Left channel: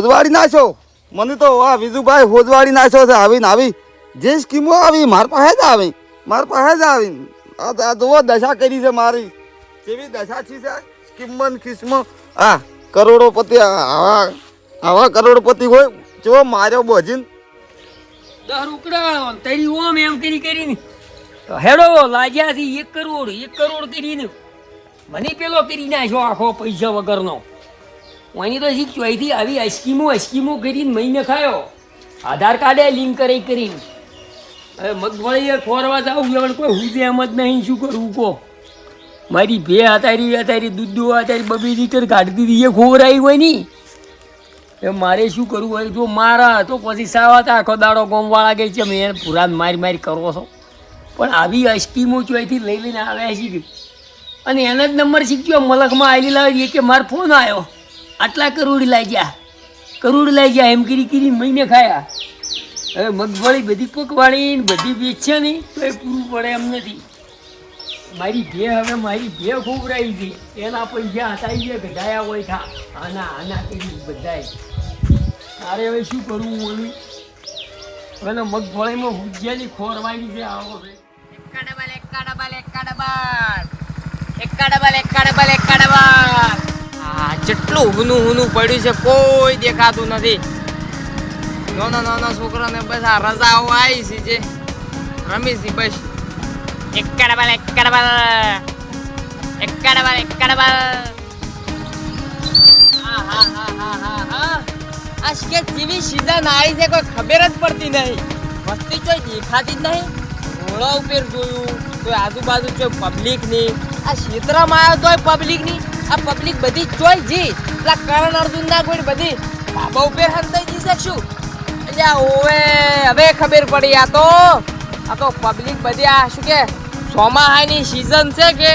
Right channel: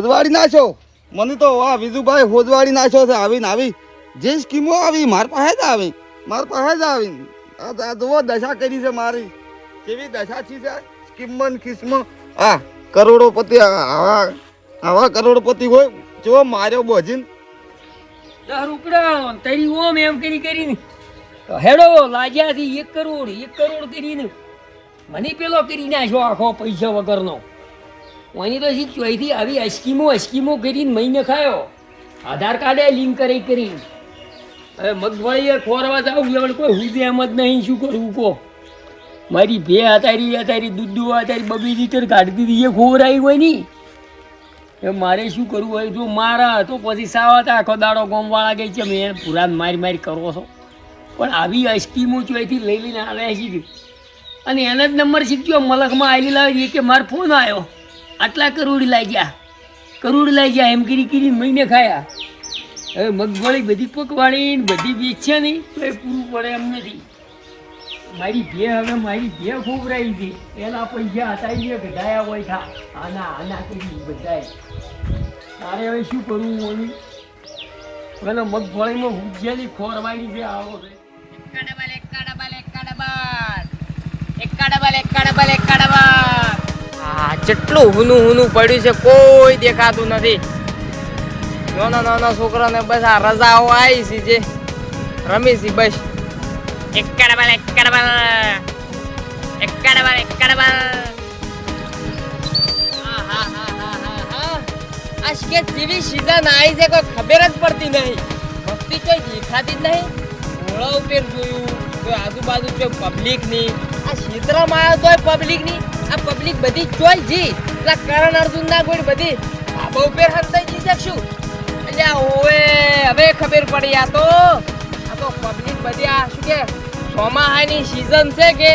હોદવાડી નાખ્યો મને તો આ વિજુભાઈ હોદવાડી નાખ્યો છે આવી જે સ્કીમો આવી મારા પાસે જ આવી આ જુઓ દશા કરી છે મારી કેવી દશા છે સ્કીમમાં કિસ્મો આ કરોડોપતિ આવા કરોડપતિ હોય જો માર્યો બોજીન 10 રૂપિયા તરી ઓમ એમ કરીને હેડો લાગ્યા થી 1 કરોડ કરીને મને પેલો કરી નાખ્યો આખો પૈસા વગરનો ઓની તો ચોઈથી આવી સ્કીમો કરીને મહિને ખાયો આધાર કાર્ડે લિંક કરીને હવે મગફળી ખોરવા જાવ કોઈ હુજે એમ જ નહીં શું કરવું કહો મારી ભે હતારી દૂધ હતારી બબી લીટર કાઢી દીધી એ ખોવરાઈ હોય ની એ મારે શું કરવું હોય જો મારા તો પછી સાવાતા આખો દાડો ગોમવાળા ગઈ છે મેં પુરાણ મારી કરો છો પણ આવી સ્કીમો ચોઈથી લઈને આવ્યા છે અને એના જ નંબર શીખ્યો મલકમાં આવેલી લાવી કે મારો ફોન આવ્યો આટલા કરોડ લાગ્યા એમ કરી મહિને ખાયા હવે મગફળી બધી પકવાડી બધી વેચશે નહીં તો એ પૂરું પડે એમ નથી મારી ભે ખોવરાઈ હતી એના પૈસા હટાવી ગધાયા હોય થા આના કરી બધાય તારે હવે શું કરવું ઓલી અને મગફળીમાં ભૂજ્યાની ખોરવાડી છે આવો છે જેટલું હુનું પડ્યું છે કોઈ દેખાતું નથી નાના છોકરાને બસ આ રજાઓ આવી છે જે રમી છે બસ જેવી સીઝન આવી છે કોઈ ખબર જ પડતી નહીં વસ્તી કોઈ દેખાતી જ નહીં ઘોડા ઉપર જોયું કોઈ આજુબાજુ કોઈ પબ્લિક ની આ ક્ષેત્રમાં આવ્યો તોય પબ્લિક ની આ પબ્લિક બધી જોઈ જી પેલા કરણ અર્જુન ના કોઈ બધી બાબા ઉપર હંતાઈ જઈ શકશું એટલે ઓવે હવે ખબર પડી આ તો પબ્લિક બધી આ શું કે ચોમાહાની સીઝન છે કે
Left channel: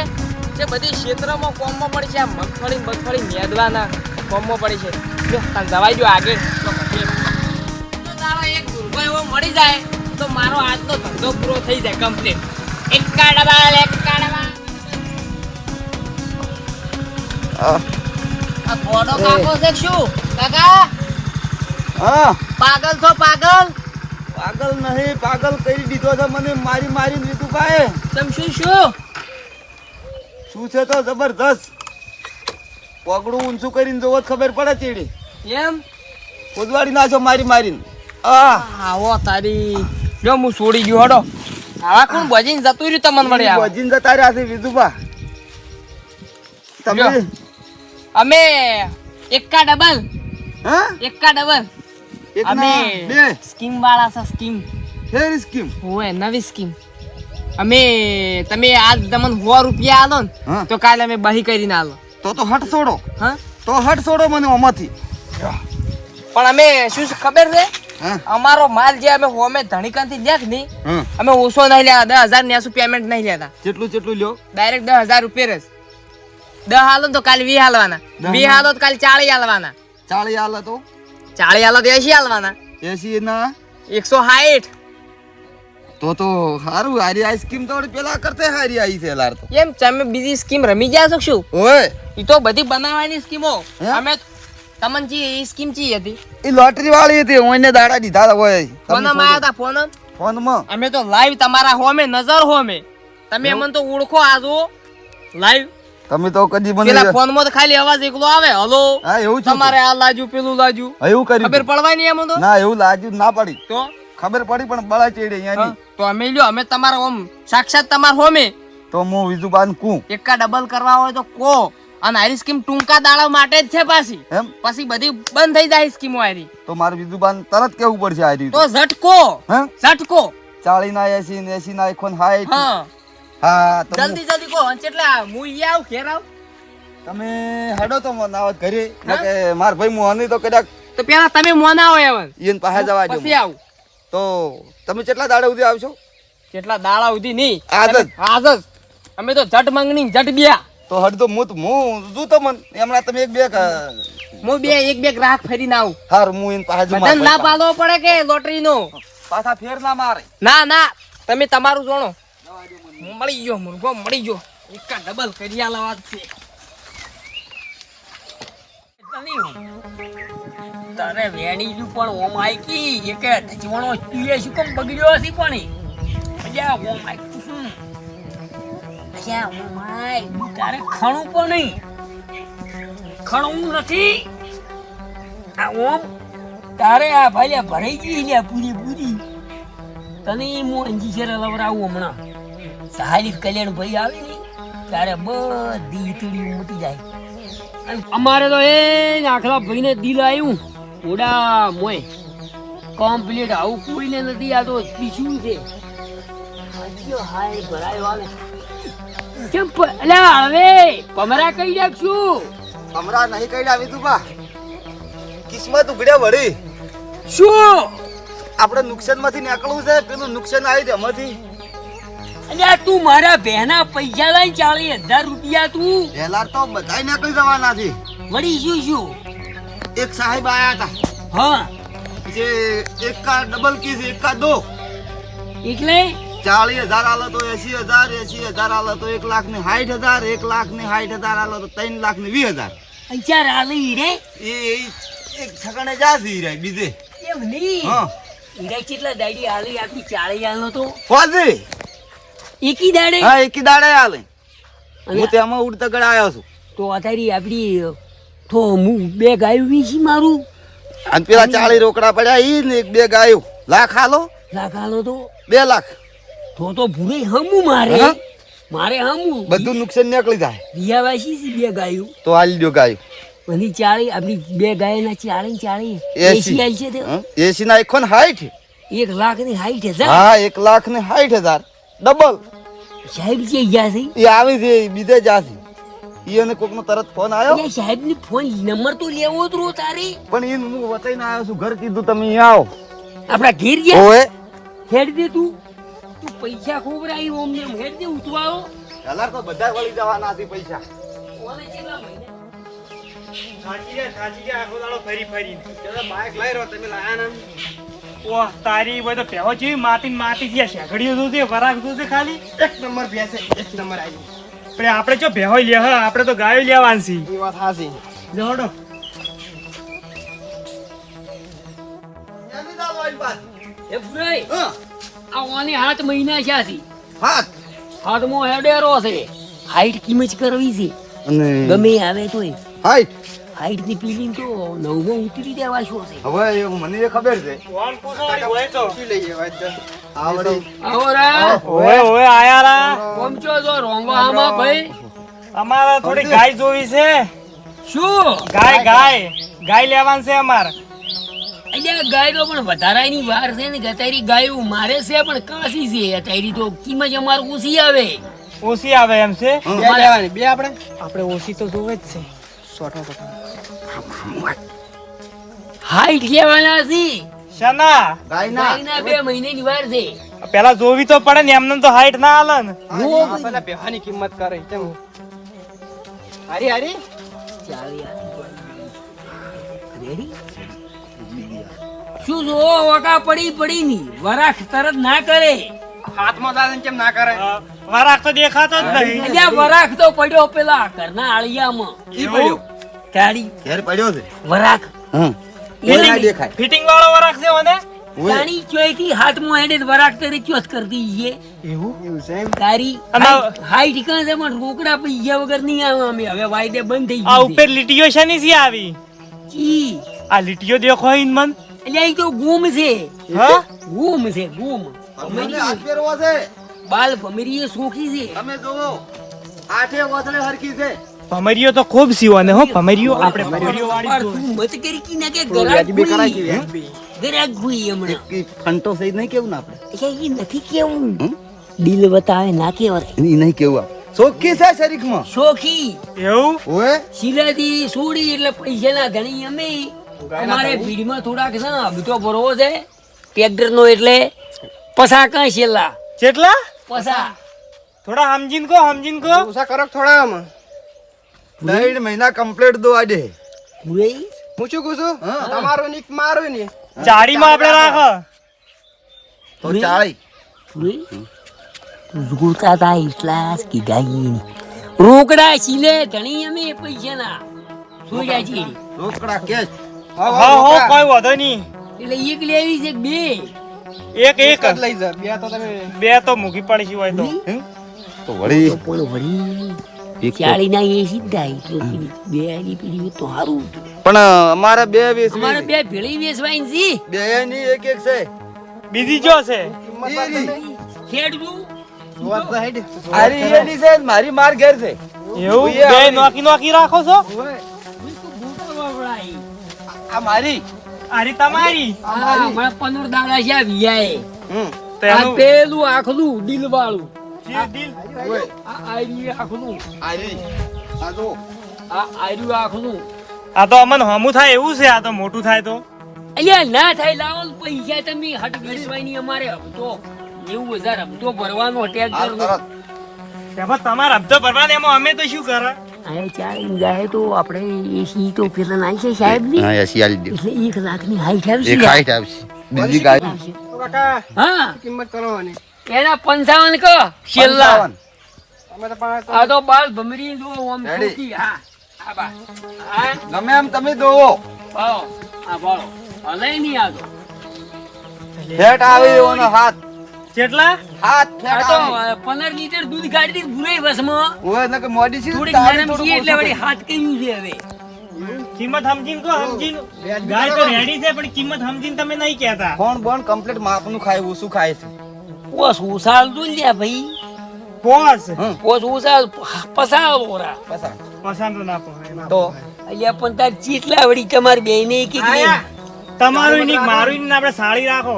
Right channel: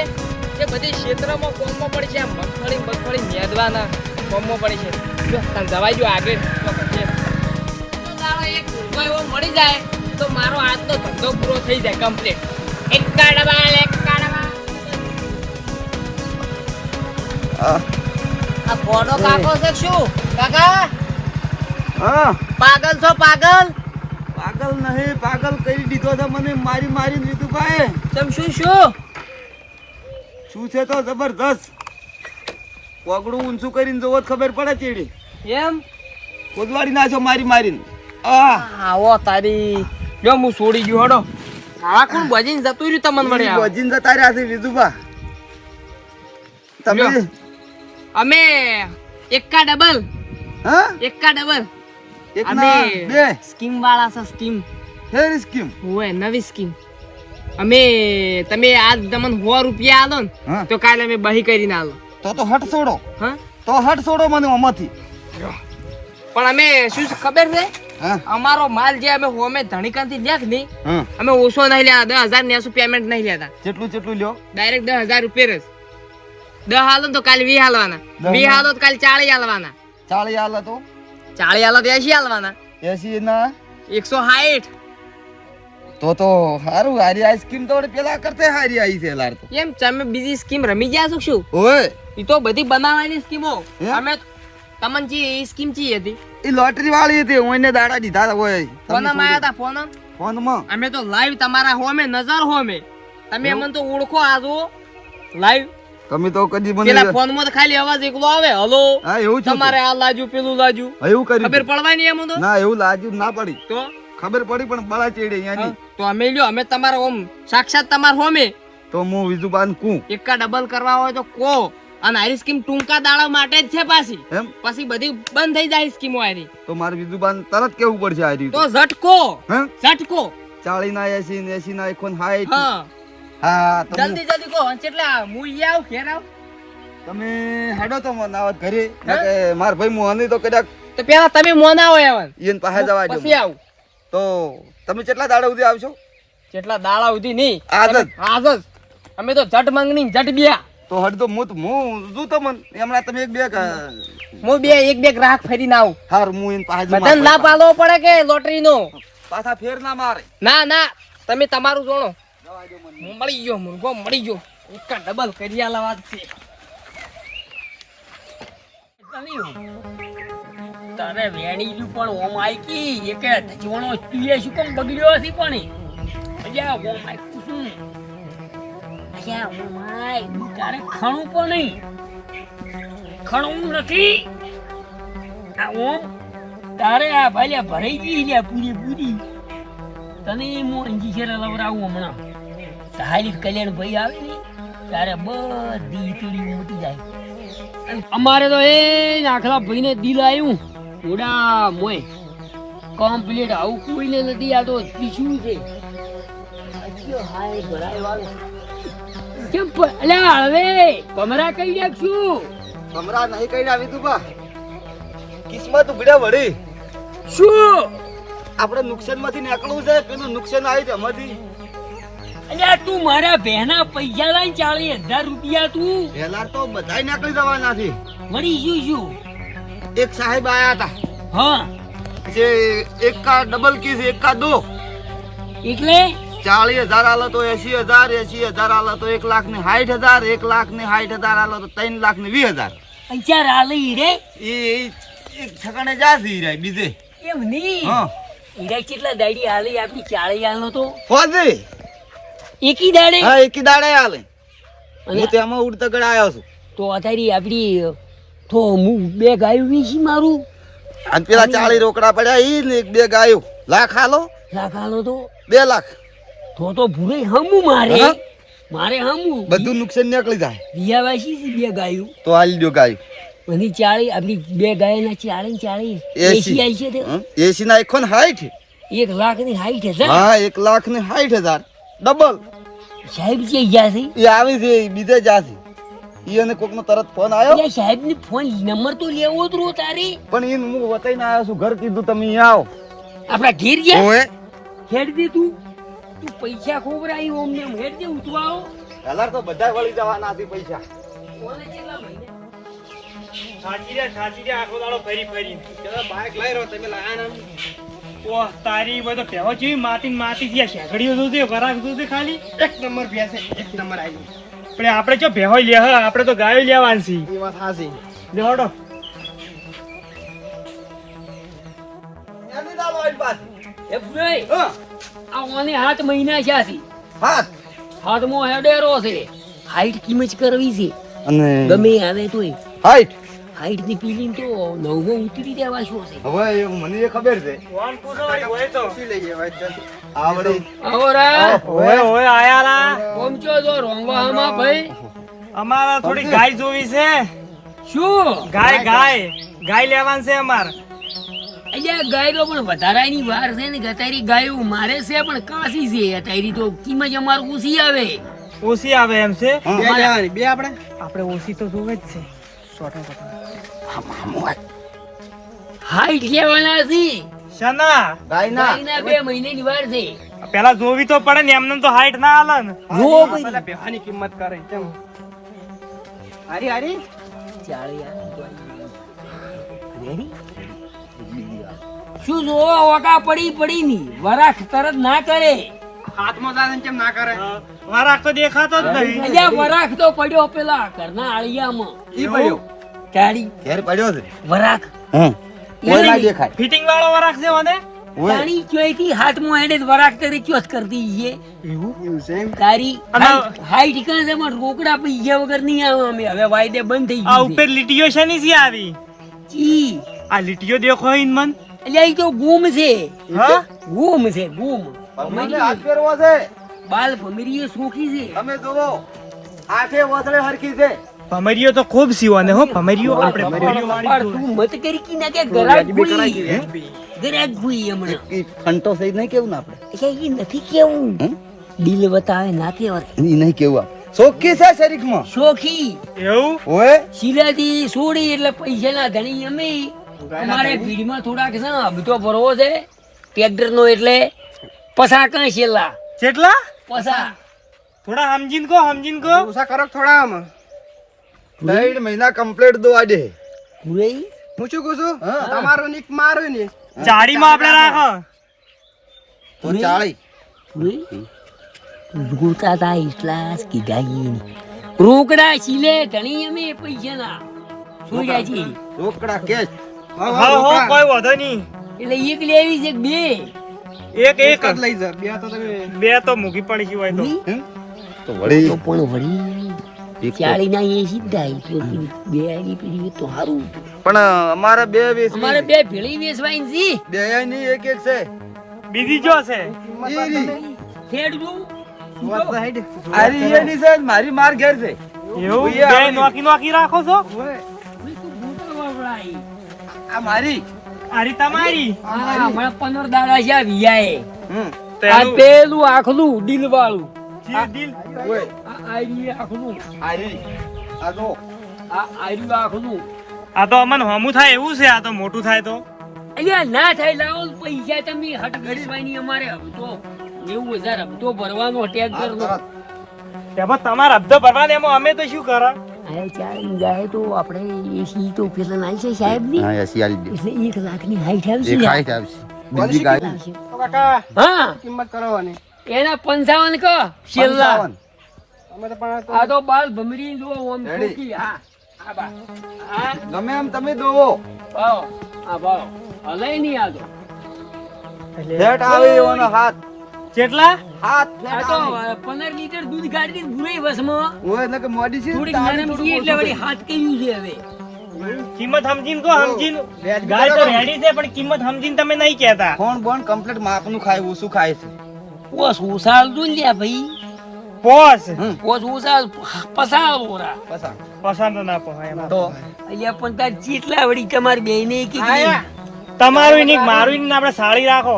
જે બધી ક્ષેત્રમાં કોમમાં પડી છે આ મગફળી મેદવાના કોમમાં પડી છે જો દવાઈ જો આગળ એક ગુરગો એવો મળી જાય તો મારો આજનો ધંધો પૂરો થઈ જાય કમ્પ્લીટ એકા ડબલ આ કોડો કાકો છે શું કાકા હા પાગલ છો પાગલ નહીં પાગલ કરી દીધો છે મને મારી વિજુભાઈ તમ શું છે તો જબરદસ્ત પગડું ઊંચું કરીને જોવો ખબર પડે ચીડી એમ ખોદવાડી નાખ્યો મારીને આવો તારી જો હું છોડી ગયો હડો આવા કોણ બજીન જતું રહ્યું તમને વળી બજીન જતા રહ્યા છે વિજુભા તમે અમે એકા ડબલ એક અમે ના બે સ્કીમ વાળા છે સ્કીમ ફેર સ્કીમ ઓય નવી સ્કીમ અમે તમે આજ તમને 100 રૂપિયા આલો ને તો કાલે અમે બહી કરીને આલો તો હટ છોડો હા તો હટ છોડો મને ઓમાંથી પણ અમે શું ખબર છે હા અમારો માલ જે અમે હોમે ધણીકાંથી લેખ નહીં અમે ઓછો નહીં લેતા 10,900 પેમેન્ટ નહીં લેતા કેટલું લ્યો ડાયરેક્ટ 10,000 રૂપિયા જ 10 હાલો તો કાલે 20 હાલવાના 20 હાલો તો કાલે 40 હાલવાના 40 હાલ તો 40 હાલો તો 80 હાલવાના 80 ના 160 તો હારું હારી આ સ્કીમ તો પેલા કરતે હારી આવી છે લાર તો એમ તમે બીજી સ્કીમ રમી ગયા છો શું ઓય ઈ તો બધી બનાવવાની સ્કીમો અમે તમને જી ઈ સ્કીમ ચી હતી ઈ લોટરી વાળી હતી ઓને દાડા દીધા હોય ફોનમાં આયા તા ફોનમાં અમે તો લાઈવ તમારા હોમે નજર હોમે તમે અમને તો ઓળખો આ જો લાઈવ તમે તો કદી મને પેલા ફોનમાં તો ખાલી અવાજ એકલો આવે હલો હા એવું છે તમારે આ લાજુ પેલું લાજુ એવું કર્યું ખબર પડવાની એમ તો ના એવું લાજુ ના પડી તો ખબર પડી પણ બળા ચેડે અહીંયાની તો અમે લ્યો અમે તમારા ઓમ સાક્ષાત તમાર હોમે તો હું વિજુબાન કું એકા ડબલ કરવા હોય તો કો અને આરી સ્કીમ ટૂંકા દાડા માટે જ છે પાછી એમ પછી બધી બંધ થઈ જાય સ્કીમો આરી તો મારે વિજુબાન તરત કેવું પડશે આ રીતે તો ઝટકો હે 40 ના 80 ને 80 ના 59 હા હા તો જલ્દી કો એટલે હું આવ ઘેર આવ તમે હેડો તો નાવત ઘરે કે માર ભાઈ મોહની તો કદાચ તો પેલા તમે મોના હોય આવન ઈન પાસે જવા દો પછી આવ તો તમે કેટલા દાડા સુધી આવશો કેટલા દાડા સુધી નહીં આજ જ અમે તો જટ માંગણી જટ બિયા તો હડ તો હું જો તો મન એમણા તમે એક બે ગ્રાહક ફરીને આવ હાર હું ઈન પાસે બધાને ના પાડવો પડે કે લોટરી નો પાછા ફેર ના મારે ના તમે તમારું જોણો મળી ગયો મુર્ગો મળી ગયો એકા ડબલ કરી આલા વાત છે તારે વેણી નું પણ ઓમ આઈકી એક ધચવણો સ્ટીલે શું કેમ બગડ્યો હશે પણ અલ્યા ઓમ આઈકું શું અલ્યા ઓમ આઈ તારે ખણું પણ નહીં ખણું નથી આ ઓમ તારે આ ભાઈ ભરાઈ ગઈ લ્યા પૂરી તને હું અંજી શેરા લવરાવું હમણાં સહાયિત કલ્યાણ ભાઈ આવે ને તારે બધી વીતળી મૂકી જાય અને અમારે તો એ આખલા ભાઈને દિલ આવ્યું ઓડા મોય કમ્પ્લીટ આવું કોઈને નથી આ તો પીછું છે હાય ભરાયો આવે કેમ અલ્યા હવે પમરા કઈ નાખશું હમણાં નહીં કઈ આવી તું બા કિસ્મત ઉગડ્યા વળી શું આપણે નુકસાન માંથી નીકળવું છે પેલું નુકસાન આવી એમાંથી અલ્યા તું મારા બહેના પૈસા લઈને 40,000 રૂપિયા તું પહેલા તો બધાય નીકળી જવાના છે વળી શું એક સાહેબ આયા હતા હા જે એક કા ડબલ કી છે એક કા દો એટલે 40,000 આલો તો 80,000 80,000 આલો તો 1,60,000 1,60,000 આલો તો 3,20,000 પૈસા આલી રે એ એક ઠકાણે જાસી રે બીજે એમ નહીં હા ઈરા કેટલા દાડી આલી આપી 40 આલનો તો ફોજી એકી દાડે હા એકી દાડે આલે અને હું તેમાં ઉડતા ગળ આવ્યો છું તો અત્યારે આપડી તો હું 2 ગાયું વીસી મારું અને પેલા 40 રોકડા પડ્યા ઈ ને એક બે ગાયો લાખ આલો લાખ આલો તો 2 લાખ તો ભૂરે હમું મારે હા? મારે હમું બધું નુકસાન નીકળી જાય વિયાવાસી છે 2 ગાયું તો હાલી દો ગાય અને 40 આપણી 2 ગાયના 40 80 આઈ છે તે 80 ના 1,60,000 1,60,000 હા 1,60,000 ડબલ સાહેબ છે ગયા છે એ આવી છે બીજે જાશે ઈ અને કોકનો તરત ફોન આવ્યો અલ્યા સાહેબ ની ફોન નંબર તો લેવો જ રો તારે પણ ઈને હું વતાઈને આવ્યો છું ઘર કીધું તમે અહીંયા આવો આપડા ઘેર ગયા ઓએ હેડ દે તું પૈસા ખોબરાઈ ઓમ ને હેડ દે ઉતવાળો કલર તો બધા વળી જવાના હતી પૈસા ઓલે કેટલા મહિને સાચી આખો દાડો ફરી બાઇક લઈ રહ્યો તમે લાયા ને ઓહ તારી બધો પહેવો જેવી માટી છે શેઘડીઓ જોશે વરાક જોશે ખાલી એક નંબર બેસે એક નંબર આવી પણ આપણે જો ભેહો લે હ આપણે તો ગાયો લેવાની છે એ વાત હાસી લેવડો જલ્દી ચાલો આઈ પાસ એ ભાઈ હા આ ઓને 7 મહિના છે હાથ હાથમો હેડેરો છે હાઈટ કિંમત કરવી છે અને ગમે આવે તોય હાઈટ હાઈટ ની પીલી તો 9 માં ઉતરી દેવા શું છે હવે મને એ ખબર છે ફોન પૂછવાડી હોય તો શું લઈએ આવડે આવરા ઓય ઓય આયા રા પહોંચો જો રોંગવામાં ભાઈ અમારા થોડી ગાય જોવી છે શું ગાય લેવાની છે અમાર અલ્યા ગાય તો પણ વધારાની વાર છે ને ગતારી ગાયું મારે છે પણ કાસી છે અત્યારે તો કિંમત અમાર ઓછી આવે ઓછી આવે એમ છે હા. બે લેવાની બે આપણે ઓછી તો જોવે જ છે હાઈટ લેવાના છે શના ગાયના ગાયના 2 મહિનાની વાર છે પેલા જોવી તો પડે ને એમને તો હાઈટ ના હાલે ને જો ભાઈ બેહાની કિંમત કરે હારી હારી શું જો વકા પડી ની વરાખ તરત ના કરે હાથમાં દાદા કેમ ના કરે વરાક તો દેખાતો જ નહીં અલ્યા વરાખ તો પડ્યો પેલા ઘરના આળિયામાં ઈ પડ્યો તાળી ઘેર પડ્યો છે વરાખ હમ એ ના નહીં. દેખાય ફિટિંગ વાળો વરાક છે મને ઓય તાણી ચોયથી હાથમાં હેડે વરાખ તરી ચોથ કરતી છે એવું છે તારી અને- હાઈટ કાં છે પણ રોકડા પૈસા વગર નહીં આવે અમે હવે વાયદે બંધ થઈ આ ગયું ઉપર લીટીઓ છે ની સી આવી ચી આ લીટીઓ દેખો ઈન મન એટલે એ તો ગુમ છે હા ગુમ છે ગુમ મને હાથ ફેરવો છે બાલ ભમરીએ સોખી છે તમે જુઓ આઠે વસળે હરખી છે ભમરીઓ તો ખૂબ સીવો ને હો ભમરીઓ આપણે ભમરીઓ પણ વાળી તું મત કરી કી ના કે ગરાક ગુઈ ગરાક ગુઈ હમણે ઈ ફંટો સહી નહીં કેવું ને આપણે એટલે એ નથી કેવું હમ? દિલ બતાવે ના કેવાય ઈ નહીં કેવું આપણે સોખી છે શરીરમાં સોખી એવું ઓય શિલાજી સોડી એટલે પૈસાના ધણી અમે અમારે ભીડમાં થોડાક છે ને અબતો ભરવો છે ટ્રેક્ટર નો એટલે પસા કઈ છેલ્લા કેટલા પસા થોડા સમજીન કો ઉસા કરો થોડા આમ 3 મહિના કમ્પ્લીટ દો આડે પૂરી પૂછું કુછું હા. તમારો નીક મારો ને ચાડીમાં આપણે રાખો તો 40 પૂરી જોતા તા એટલા જ કીધા રોકડા સિલે ધણી અમે પૈસાના સોજાજી રોકડા કેશ હા હા હો રોકડા. કોઈ વાંધો નહીં. એટલે એક લેવી છે કે બે? એક એક જ લઈ જા. બે તો મૂકી પડી છે હોય તો. હમ? તો વળી તો પણ વળી એક તો- 40 ના એ સીધા તો બે આની પેલી તો સારું હતું. પણ અમારે બે વેચવી અમારે છે. બે ભેળી વેચવાની છે. બે ની એક એક છે બીજી જો છે ઈ રી. ખેડવું આરી એની છે મારી માર ઘેર છે એવું ઉઈએ બે આવેલી. નોકી નોકી રાખો છો આ મારી આરી તમારી હા હમણાં 15 દાડા છે આ વિયાએ. હમ તો આ એનું પેલું આખલું દિલ વાળું દિલ ઓય આ આર્યું આખલું આરી આ જો આ આર્યું આખલું આ તો અમન હોમું થાય એવું છે. આ તો મોટું થાય તો અલ્યા ના થાય લાવો ને પૈસા તમે હટ વેચવાની અમારે હપ્તો 90,000 હપ્તો ભરવાનો ટેક્ટર નો. તરત. તેમાં તમારે હપ્તો ભરવાનો એમાં અમે તો શું કરે આ ચાલી જાય તો આપણે એસી તો પેલા નાઈ છે સાહેબ ની હા એસી આલી દે એટલે 1 લાખની હાઈટ આવશે એક હાઈટ આવશે બીજી ગાય આવશે. કાકા હા કિંમત કરવાની એના 55 કહો છેલ્લા 55. અમે તો પણ આ તો બાલ ભમરી જો ઓમ Ready? છોકી હા આ બા હા ગમે એમ તમે દોવો બાળો આ બાળો હલાય નહીં આ તો ફેટ આવે એવો ને હાથ કેટલા હાથ આ ફેટ તો આવે 15 લીટર દૂધ કાઢી દીધું ભૂરાઈ વસમાં ઓય ને કે મોડી છે થોડીક નરમ છે એટલે વળી હાથ કર્યું છે હવે કિંમત સમજીને કહો સમજીને ગાય તો રેડી છે પણ કિંમત સમજીને તમે નહીં કહેતા ફોન બોન કમ્પ્લીટ માપનું ખાય ઓછું ખાય છે પોસ ઉસાલ દું લ્યા ભાઈ પોસ હમ પોસ ઉસાલ પસાળ બોરા પસંદ પસંદ ના પોહાય તો અહીંયા પણ તાર ચીટલા વળી તમાર બેને કે આયા તમારું નહીં મારું નહીં આપણે સાડી રાખો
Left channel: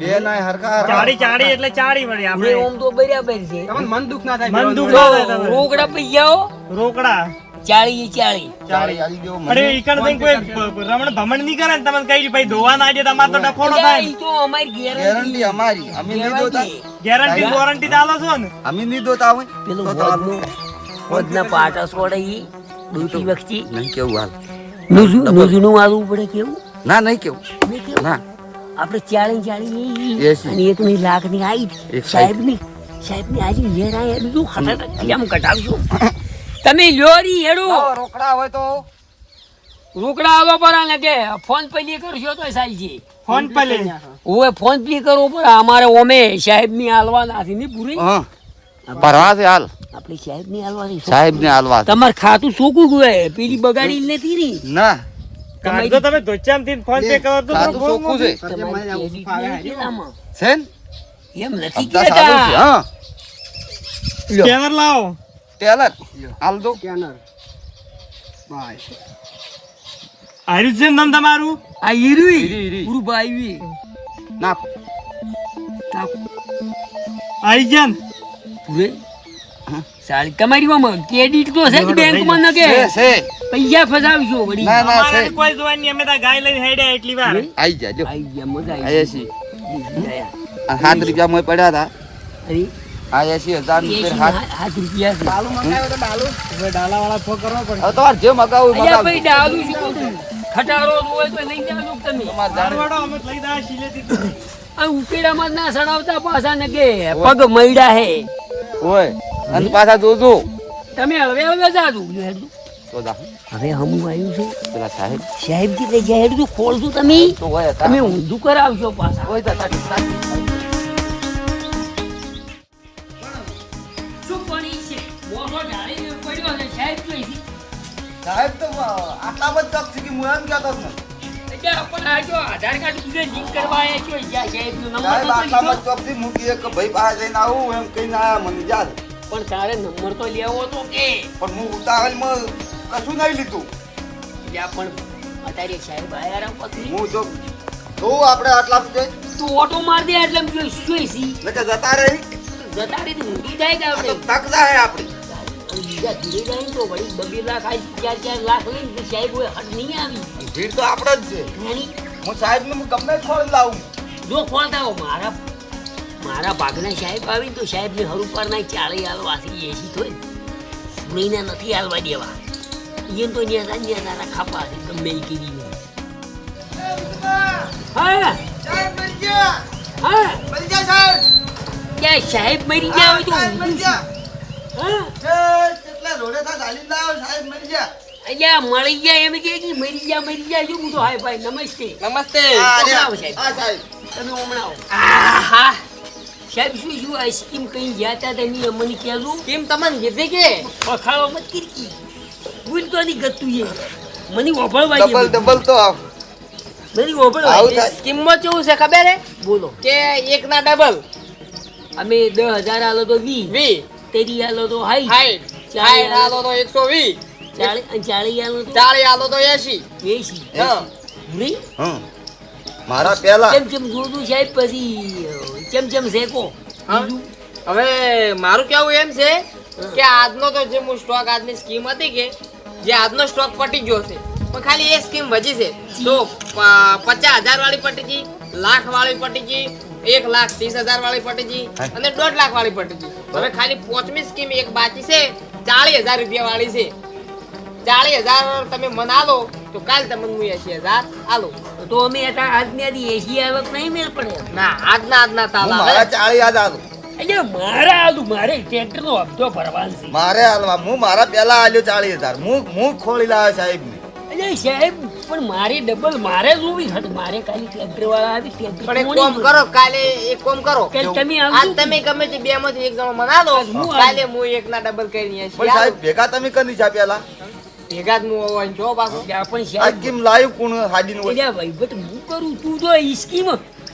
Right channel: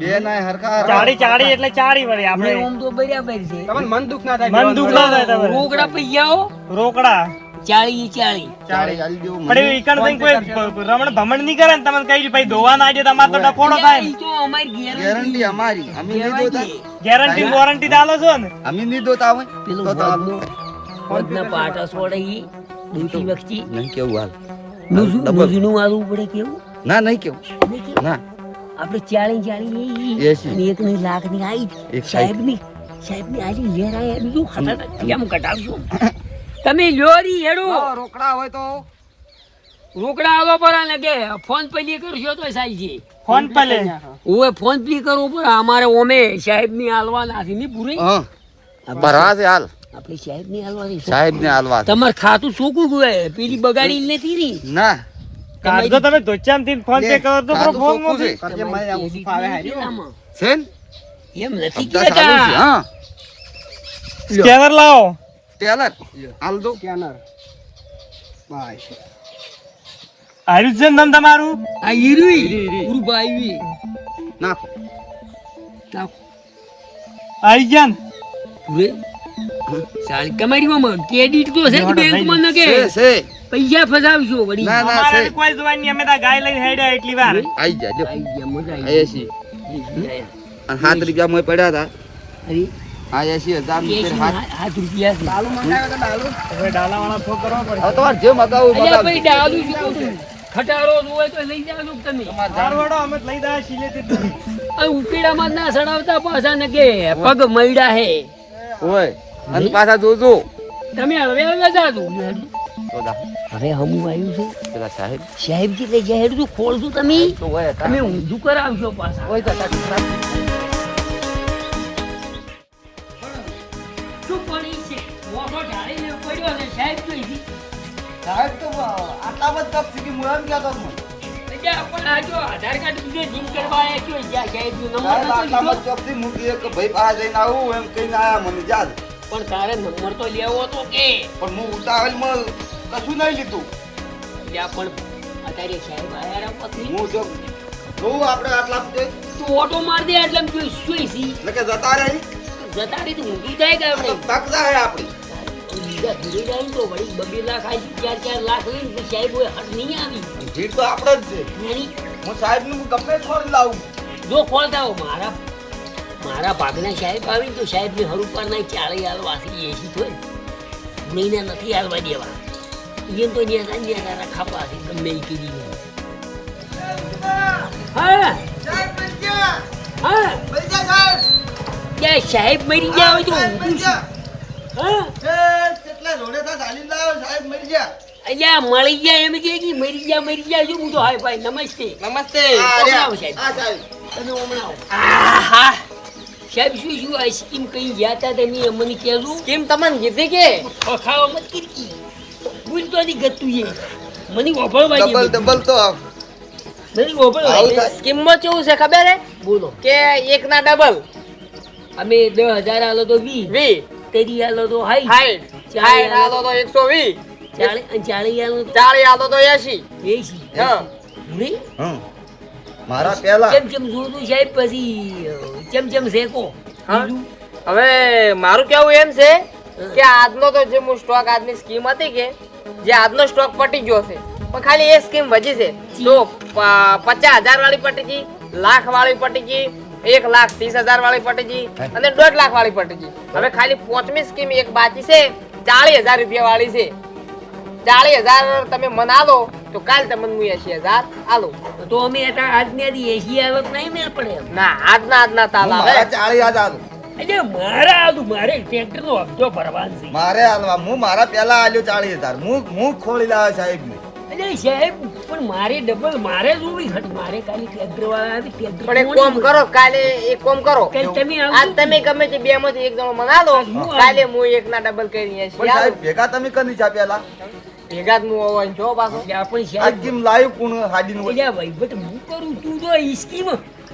બે ના હરખા ચાડી ચાડી એટલે ચાડી વળી આપણે આપણે ઓમ તો બરાબર છે મન દુખ ના થાય તમારે રોકડા પૈયાઓ રોકડા 40 ચાળી આલી દેવો પણ એ ઈકણ થઈને કોઈ રમણ ભમણ નહીં કરે ને તમે કઈ ભાઈ ધોવા ના દે તમારે તો ડખોડો થાય ને. તો અમારી ગેરંટી અમારી અમે નહીં દોતા ગેરંટી વોરંટી દાલો છો ને અમે નહીં દોતા હોય પેલો તો આપો વધના પાટા છોડાઈ દૂધી વખતી નહીં કેવું હાલ નુજનું મારવું પડે કેવું ના નહીં કેવું મેં કેવું? ના આપણે 40 એસી. અને એક ની લાખ ની આઈ એક સાહેબ ની આજે હેર આયા બીજું ખટટ કેમ કટાવશું તમે લ્યોરી હેડો રોકડા હોય તો રોકડા આલો પર લાગે ફોન પે કરશો તો સાઈ છે ફોન પે લે ઓય ફોન પે કરવો પડે અમારે ઓમે સાહેબ ની હાલવાના છે ની પૂરી હા ભરા છે હાલ આપણી સાહેબ ની હાલવાની સાહેબ ને હાલવા છે. તમાર ખાતું સોકું ગયું પેલી બગાડી નથી ની ના કાલ તો તમે ધોચામથી ફોન પે કરો તો ખાતું ફોન ચોખ્ખું છે મોકલી. છે ને? એમ નથી હપ્તા સારું છે, કેતા હા સ્કેનર લાવો ટેલર હાલ દો સ્કેનર આર્યું છે ને નામ તમારું આ હીરુઈ હીરી. પૂરું ભાઈ નાખો આવી ગયા ને પૂરે સારી તમારી માં ક્રેડિટ તો છે બેંક માં ન કે છે છે પૈસા ફસાવશો વળી ના, ના. અમારે છે. કોઈ જોવાની નહીં, અમે તો ગાય લઈને હેડ્યા એટલી વાર આઈ જા જો આઈ ગયા મજા આ એસી આ 7 રૂપિયા મોય પડ્યા હતા અરે આ 80,000 રૂપિયા હાથ 7 રૂપિયા છે હવે ડાલાવાળા ફો કરવા પડે હવે તમારે જે મગાવું અલ્યા ભાઈ મગાવજો. ડાલું શું કહું છું? ખટારો હોય તો લઈ જાવ તમે તમારે જાણ- દાળવાળો અમે લઈ દા શીલેથી આ ઉકેડામાં જ ના સડાવતા પાછા ને કે પગ મૈડા હે ઓય અને પાછા જોજો તમે હળવે હળવે જાજો તો જા હવે હમું આવ્યું છે પેલા સાહેબ સાહેબ કે લઈ ગયા હેડું ખોલશું તમે તો હોય હતા. તમે ઊંધું કરાવશો પાછા ઓય તો સાહેબ શું પડી છે મોટો ઢાળીને પડ્યો છે સાહેબ જોઈ છે સાહેબ તો આટલા બધા તક કે હું એમ કહેતો હતો મને. એટલે પણ આ જો આધાર કાર્ડ બીજે લિંક કરવા આવ્યા છો જ્યાં સાહેબનો નંબર સાહેબ નતો આટલા લીધો. બધા ચોકથી મૂકી કે ભાઈ પાસે જઈને આવું એમ કહીને આયા મને યાદ પણ તારે નંબર તો લેવો તો કે પણ હું ઉતાવળમાં કશું નહીં લીધું ત્યાં પણ અત્યારે સાહેબ આયા રહ્યા પછી હું જો જોઉં આપણે આટલા જોઈ તું ઓટો માર દે એટલે એમ જોઈ છી ને કે જતા રહી જતા રીતે ઊંધી જાય કે આપણે તક જાહે આપણી બીજા ધીરે જાય ને તો વળી 2 લાખ આવી 4 લાખ લઈને તો સાહેબ હોય હટ નહીં આવી ભીડ તો આપણે જ છે એની હું સાહેબનું હું ગમે જ ખોલી લાવું જો ખોલતા હો મારા ભાગના સાહેબ આવીને તો સાહેબને હરું પર ના 40 હાલવાથી એસી થોય મહિના નથી હાલવા દેવા એમ તો નેતા ખાપા છે ગમે એ કરી હા હા ક્યાં સાહેબ મરી ગયા હોય તો ઊંધું છે. હા કેટલા રોડે તો ચાલી લાવ્યો સાહેબ મળી ગયા અહીંયા મળી ગયા એમ કે મરી ગયા જો હું તો હાય ભાઈ નમસ્તે નમસ્તે હમણાં સાહેબ હા સાહેબ તમે હમણાં આવો. આહા સાહેબ શું આ સ્કીમ કઈ ગયા હતા તમે અમને કહેજો કેમ તમને કીધી કે પખાવા મત કરી ભૂલ તો નહીં ગતું છે મને ઓભળવા દે ડબલ બધું. ડબલ તો આવ. મને ઓભળવા આવું દે. થાય. સ્કીમમાં કેવું છે ખબર હે બોલો કે એક ના ડબલ અમે 10,000 આલો તો 20 20 તેરી આલો તો હાઈ 60 60 આલો તો 120 40 આલો તો 40 આલો તો 80 80 હા નહીં હમ મારા પહેલા ચમ જોતું સાહેબ પછી ચમ શેકો હા? બીજું? હવે મારું કેવું એમ છે કે આજનો તો જે હું સ્ટોક આજની સ્કીમ હતી કે જે આજનો સ્ટોક પટી ગયો છે પણ ખાલી એક સ્કીમ વધી છે તો 50,000 વાળી પટી ગઈ, લાખ વાળી પટી ગઈ, 1,30,000 વાળી પટી ગઈ અને 1.5 લાખ વાળી પટી ગઈ. હવે ખાલી 5મી સ્કીમ એક બાકી છે 40,000 રૂપિયા વાળી છે. 40,000 તમે મને આલો તો કાલ તમને હું 80,000 આલો. તો અમે આજની 80 હાલત નહીં મેળ પડે એમ. ના આજના તાલ આવે. મારા 40 યાદ આલું. એટલે મારે ટ્રેક્ટર નો હપ્તો ભરવાનો છે. મારે હાલવા હું મારા પહેલા આલ્યો 40,000 હું ખોલી લાવ્યો સાહેબ એટલે સાહેબ પણ મારે ડબલ મારે જોવી હતી. મારે ખાલી ટ્રેક્ટર વાળા આવી ટ્રેક્ટર પણ એક કોમ કરો કાલે એક કોમ કરો કાલે તમે આજ આવજો. તમે ગમે તે બે માંથી એક જણો મના લો હું કાલે હું એક ના ડબલ કરીને પણ આવું. સાહેબ ભેગા તમે કરી છે પહેલા ભેગા જ હું હોવા જો પાછો એટલે આપણે આ સાહેબ કેમ લાવ્યું કોણ હાડીનું એટલે ભાઈ બટ હું કરું તું તો ઈ સ્કીમ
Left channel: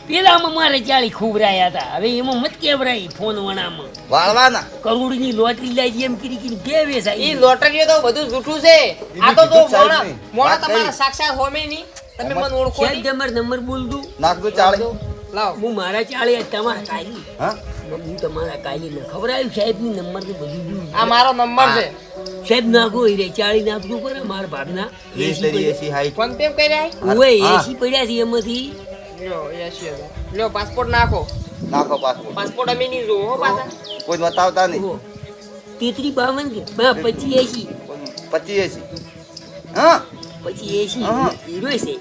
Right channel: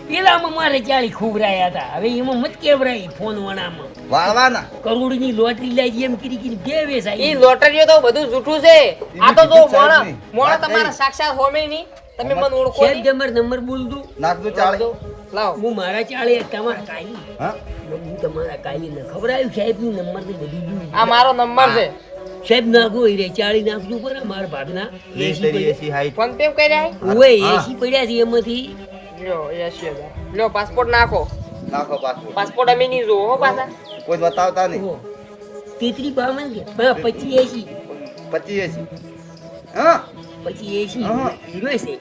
પેલામાં મારે 40 ખોબરાયા હતા. હવે એમાં મત કેવરાય ફોન વણામાં વાળવાના કરોડની લોટરી લાગી એમ કરી બે વેસ ઈ આવી. લોટરીઓ તો બધું જૂઠું છે. આ તો જો કીધું સાહેબ મોણા નહીં. મોણા વાત તમારા કરી. સાક્ષાત હોમે નહીં તમે મને ઓળખો સાહેબ નહીં. તમારો નંબર બોલ દઉં. નાખજો 40 લાવો હું મારા 40 તમારા કાલી હા હું તમારા કાલી ને ખબર આવ્યું સાહેબ ની નંબર થી બધું જોયું. આ મારો નંબર છે. સાહેબ નાખો એ રે 40 નાખજો પર મારા ભાગના એસી પડ્યા. હાઈટ ફોન પે કરી રહ્યા ઓય હા. એસી પડ્યા છે એમાંથી લ્યો 80,000 લ્યો પાસપોર્ટ નાખો. નાખો પાસપોર્ટ પાસપોર્ટ અમે નહીં જોવો હો પાછા. કોઈ બતાવતા નહીં ઓહો. 33 52 છે હા 25 80 25 હા 25 હા. 80 હીરો છે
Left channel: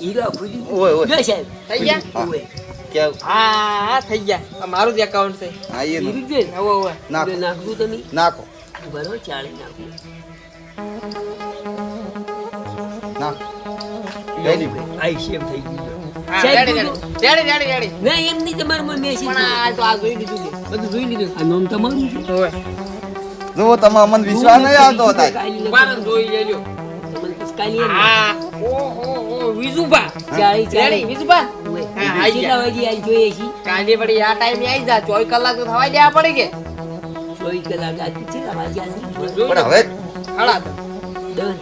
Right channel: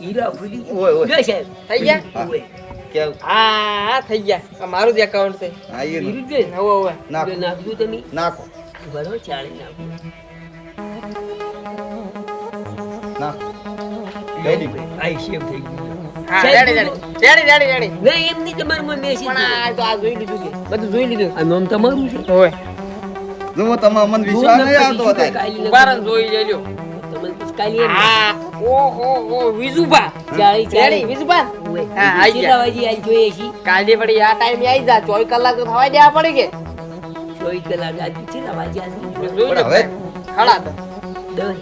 હીરો ખુદી ઓય, ઓય. જો સાહેબ થઈ ગયા ઓય કેવું હા થઈ ગયા આ મારું જ એકાઉન્ટ છે. હા એ હીરો નો. છે હવે હવે નાખો નાખજો તમે નાખો બરાબર 40 નાખો નાખો રેડી આઈ સેવ થઈ ગયું હા સાહેબ, રેડી બોલો. રેડી ના એમ નહીં તમારું મેસેજ પણ આ તો આ જોઈ લીધું છે બધું જોઈ લીધું. આ નામ તમારું છે હવે જો તમે અમને વિશ્વાસ નહીં આવતો હતા ઉભા રહો ને જોઈ લેજો. હા ઓ વિજુભા રેડી વિજુભા હા, આઈ ગયા. કાલે વળી આ ટાઈમે આવી જા 24 કલાક તો થવા દેવા પડે કે જોઈ પણ હવે ખડા તો હા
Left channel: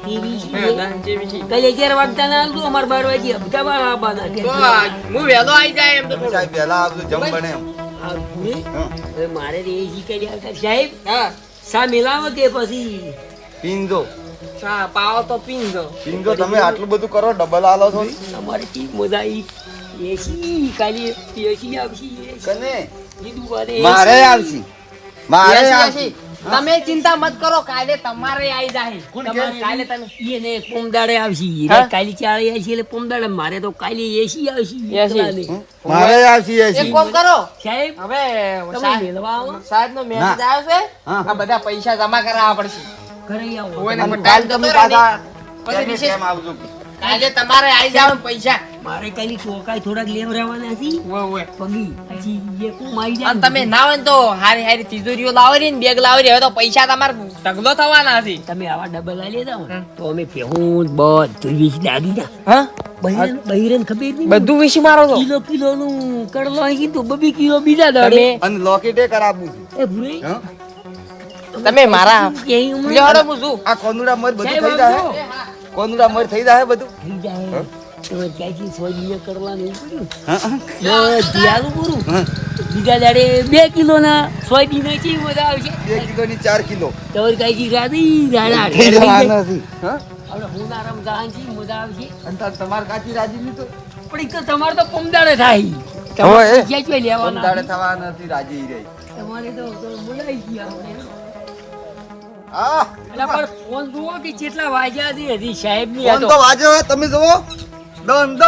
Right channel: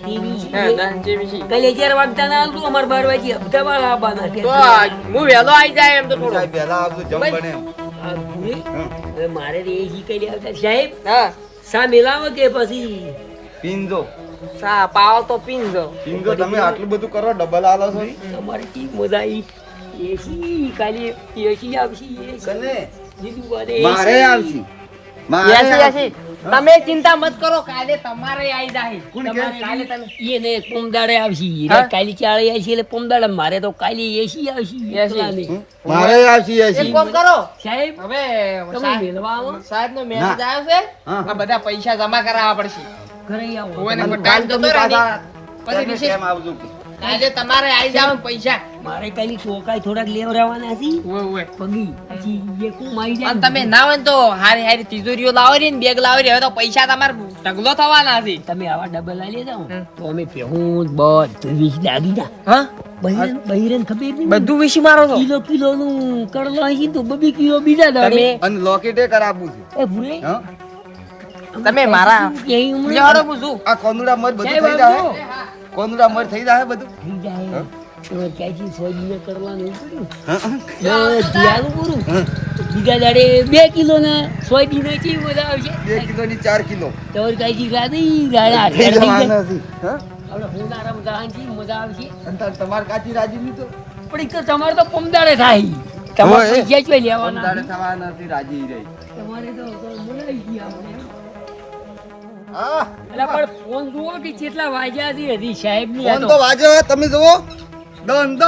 કાલે દસ જેવી છે. 11 વાગતા ના આવતું અમારે 12 વાગે બધા વાળા આવવાના તો હું વહેલો આવી જાય એમ તો થોડો સાહેબ પહેલા આવજો જમ બને એમ. હા. હવે મારે તો એ શીખાઈ આવતા સાહેબ હા સા મિલાવો કે પછી પીંજો ચા પાવો તો પીંજો. પીંજો તમે આટલું બધું કરો ડબલ આલો છો તમારી ટીમ મજા આવી એસી કાલે એસી આવશે કને લીધું વારે મારે આવશે મારે એસી આવશે. એસી. તમે ચિંતા મત કરો કાલે તમારે આવી જાય કોણ તમારે કે? કાલે તમે એને પોમદાડે આવશે હા? કાલે 40 આવશે એટલે પોમદાડે મારે તો કાલે એસી આવશે એસી. એકલા નહીં. હમ? મારે આવશે એક એસી કામ કરો સાહેબ હવે તમે મેળવા આવો સાહેબ નો મેસેજ ના. આવ્યો છે હા. આ બધા પૈસા જમા કરાવવા પડશે. ઘરે આવો હોય ને અને પણ ટાઈમ તમે જતો રહે ને. પાછા પછી કેમ રિસેસ કેમ આવજો કાલે તમારે આવી જાવ પૈસા મારે કાલે ચોકાઈ થોડાક લેવરાવાના હતી ઓય ઓય પગી પછી એ કોમ આવી જાય અને તમે ના હોય ને તો હારી હારી તિજોરીઓ લાવો ને બેગ લાવો હવે તો પૈસા તમારે ઢગલો થવાના છે. તમે આવા ડબલ આલી જાવ તો અમે પેહું બધું વીસ લાગી જા હા બહિરન ખબર નહીં બધું વિશે મારો તો કિલો નું કરલો અહીં તો 2 કિલો બીજા દાડે અને લોકેટે કરાવવું છે એ ભૂલે હા તમે મારા ક્યાંય ઉમરે લ્યો હેડો હું શું આ કોનુડા મર બધું સાહેબ થઈ જાય આવજો. કોનુડા મર થઈ જાય બધું થઈ જાય તો ક્યાંથી સોયબીન કરવાનું એવું કર્યું હા, હા. દિયાલું પૂરું હા. બીજા દાડે 2 કિલો ના સોયબીન કેવી મજા આવશે 2 કિલોની 4 કિલો તો કાંઈ રાધી રાડા ખેડવા નથી હા આપણે હુનારામ જાણજી મજા આવશે અને તમાર કાચી રાજી નહીં તો પણ એક તો તમારે તો પમદાડે થાય તમારે હોય. પૈસા જ લેવાના સમદાડે થવા નથી રાજી રહી તમારે તો બોલાઈ ગયા આપણે આ એટલે પણ ફોન જુઓ કે કેટલા વાગ્યા છે હજી સાહેબ ની ફોન તો વાજો હે, તમે જુઓ દન દ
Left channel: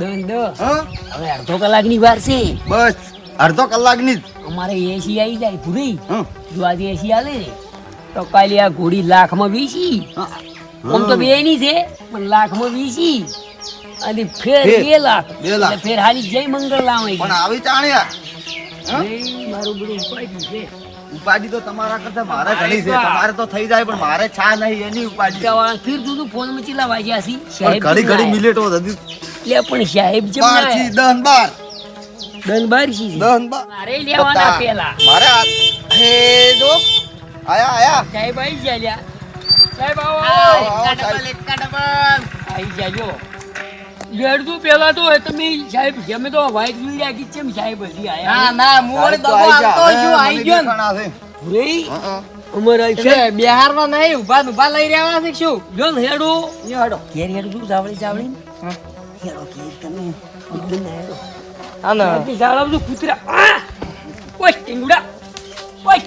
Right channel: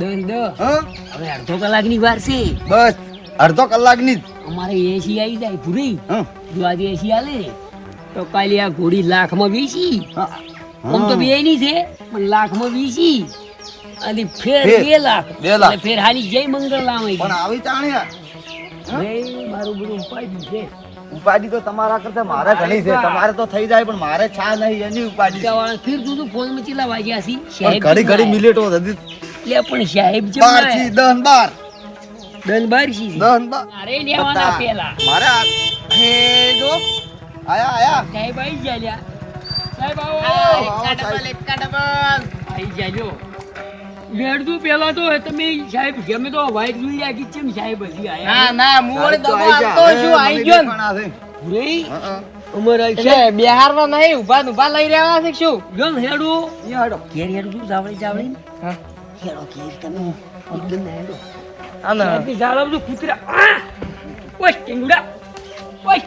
દંડ હા હવે અડધો કલાકની વાર છે બસ અડધો કલાકની જ અમારે એસી આવી જાય પૂરી હા જો આજે એસી આલે ને તો કાલે આ ઘોડી લાખમાં વેચી હા. આમ તો બે ની છે પણ લાખમાં 20 અને ફેર ફેર 2 લાખ 2 લાખ. એટલે ફેર હાલી જય મંગળ લાવે પણ આવી ચાણ્યા મારું બધું ઉપાડી છે ઉપાડી તો તમારા કરતા મારે ઘણી છે. તમારે તો થઈ જાય પણ મારે છા નહીં એની ઉપાડી છે. ફેર તું ફોન માં ચેલા વાગ્યા છી પણ ઘડી ઘડી મિલેટો હતી લે પણ સાહેબ જેમ 12 થી 10 12 દન બાર છી 10 12 મારે લેવાના પેલા મારે હે જો આયા આયા સાહેબ આવી ગયા લ્યા સાહેબ આવો આવી જાજો લેડતું પેલા તો તમે સાહેબ ગમે તો વાઈટ જોઈ રાખી છે સાહેબ હજી ના આયા ના હું વળી દગો આપતો છું આઈ ગયો ને. નહીં અમારા એટલે બિહારમાં નહીં ઉભા ને ઉભા લઈ રહ્યા છે શું જોન હેડો હેડો ઘેર હેડો તું ચાવડી ચાવડી હેડો ઘેર તમે અબન હેડો સાહેબ ની ઝાડ બધું કૂતરા ઓય ટીંગડા ઓય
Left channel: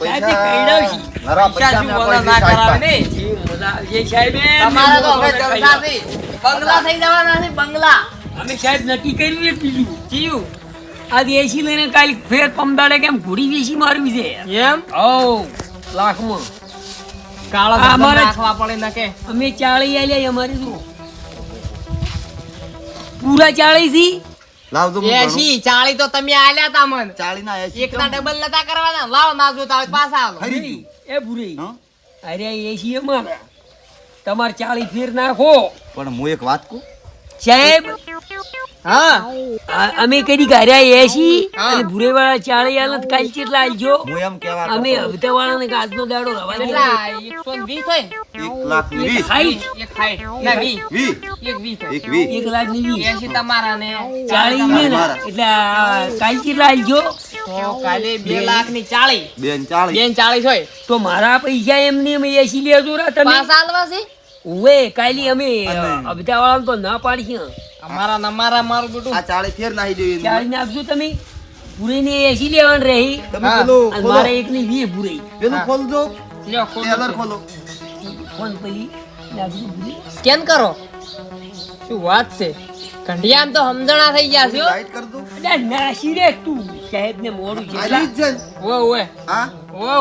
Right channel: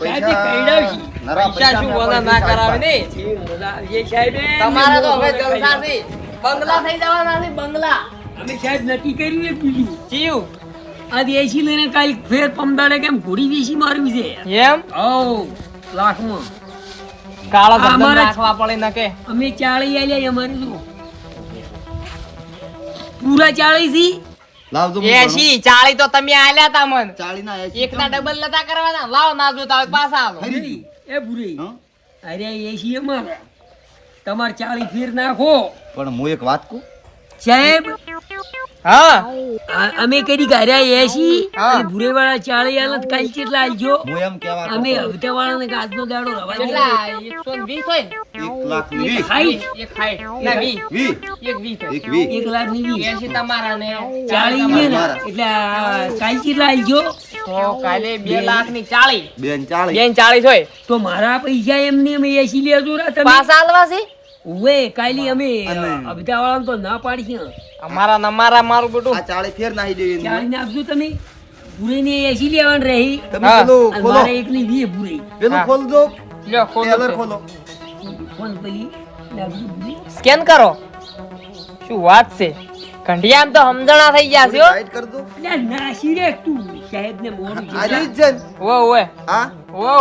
સાહેબ ની કઈડાવશી પૈસા શું બોલા ના કરાવે ને જે મજા આવે સાહેબ તમારે તો હવે જલસા છે બંગલા થઈ જવાના છે બંગલા અમે સાહેબ નક્કી કર્યું એક બીજું જીવ આજે એસી લઈને કાલ ફેર પમદાડે કેમ ઘોડી વેસી મારવી છે એમ ઓ લાખમાં કાળા આ ધંધો અમારે- રાખવા પડે ના કે અમે 40 આલ્યા અમારે શું પૂરા 40 થી લાવ તો હું ગણું. 80 40 તો તમે આલ્યા તા મન 40 ના 80 એક ના ડબલ નતા કરવાના લાવો ના જોતા હોય તો પાછા આલો ખરી. એ પૂરી હં? અરે એસી અમારા તમારે 40 ફેર નાખો પણ હું એક વાત કહું સાહેબ હા અમે કદી ગાર્યા એસી અને ભૂરેવાળા 40 આલે તો કાલ કેટલા આલજો હું એમ કહેવા અમે કરતો. હપ્તાવાળાને કે આજનો દાડો રવા દે. કેટલા 120 હોય ને 1,20,000 સાઈઠ. એક ખાય ના 20 20 એક 20 હોય. એક 20 1,20,000 80 તમારા ને 40 ને મારા. એટલે કાલ કેટલા આલજો તો કાલે 2 લાખ ની 40 બેન 40 બેન 40 હોય તો મારા પૈસા એમને અમે એસી લેજો રા તમે પાછા આલવા છે ઓવે કાલી અમે અને- હપ્તાવાળાને તો ના પાડીશું અમારા નમારા મારું બધું આ 40 ફેર નાહી દેવી એની. 40 નાખજો તમે ભૂરેને એસી લેવાનું રહી તમે હા. પેલું અને ખોલો મારે એકની 20 ભૂરી પેલું ખોલ દો લ્યો ટેલર ખોલો ફોન પેલી નાખજો ભૂરી સ્કેન કરો શું વાત છે કંઢિયા આમ તો સમજણા થઈ ગયા છે હો. ટાઈટ કર દો અલ્યા નાસી રે તું સાહેબને મોડું આલી જેટલા જ છે ને. ઓય ઓય હા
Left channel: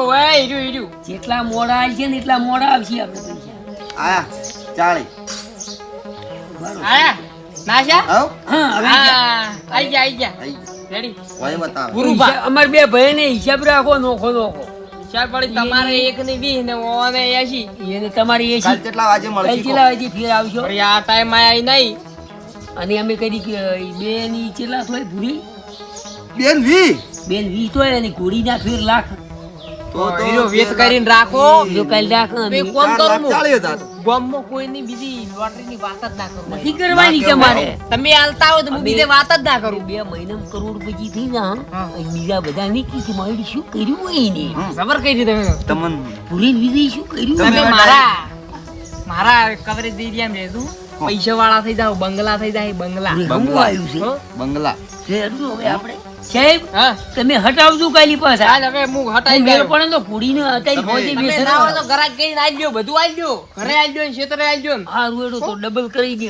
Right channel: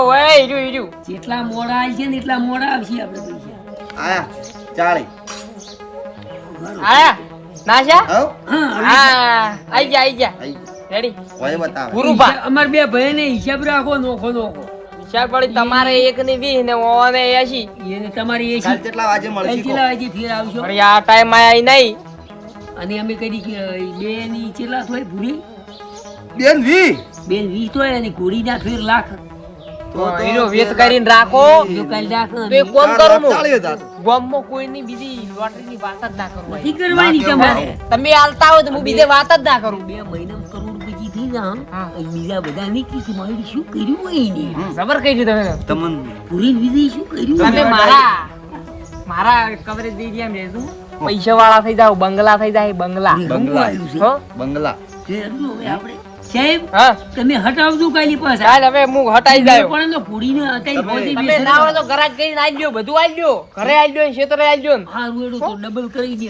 ઓય ઈડું ઈડું જેટલા મોડા આવશે ને એટલા મોડા આવશે આપણે પૈસા આયા 40 આયા નાશા આવ હા હવે આઈ ગયા આઈ રેડી ઓય બતાવે પૂરું પા અમાર બે ભાઈને હિસાબ રાખો નોખો નોખો હિસાબ પડી તમારે 1 ની 20 ને ઓને 80 એને તમારી કાલ એસી કેટલા વાગે મળશે કહો? કેટલા વાગે ફેર આવશો વળી આ ટાઈમ આયા નહીં અને અમે કદી કે બે ની કેટલા થોય ભૂરી બેન 20 બેન 20 તોય અને ઘોડીના ફેર લાખ તો હીરો વેત કરીને રાખો એ કાલ લાખ બે કોમ 4 કરો લાખ 40,000 ગામમાં કોઈની બીજી લોટરીની વાત જ ના કરું નથી કરવાની ના તમારે તમે આલતા હોય તો હું બીજે વાત જ ના કરું 2 મહિના કરોડપતિ થઈ જા હા. અને બીજા બધા ની કીધું મારી શું કર્યું હોય ને ખબર કઈ છે તમે તમન પૂરી વિધિ શું કર્યું તમે મારા કવરેજ એરિયામાં રહેજો પૈસા વાળા થઈ જાવ બંગલા થઈ જાય બંગલા બંગલા. આવ્યું છે હો? બંગલા ફેરજો હવે આપણે સાહેબ હા તમે હટાવજો કાલી પાસે ચાલ હવે હું હટાઈ જાય પણ તો ઘોડીને હટાઈ તમે- પહોંચી તમે બેસે ના હોય તો ગરાજ કરીને આઈ લ્યો બધું આઈ લ્યો ઘરે આઈ લ્યો ક્ષેત્રે આઈ લ્યો હા રૂડો તો ડબલ કરી દે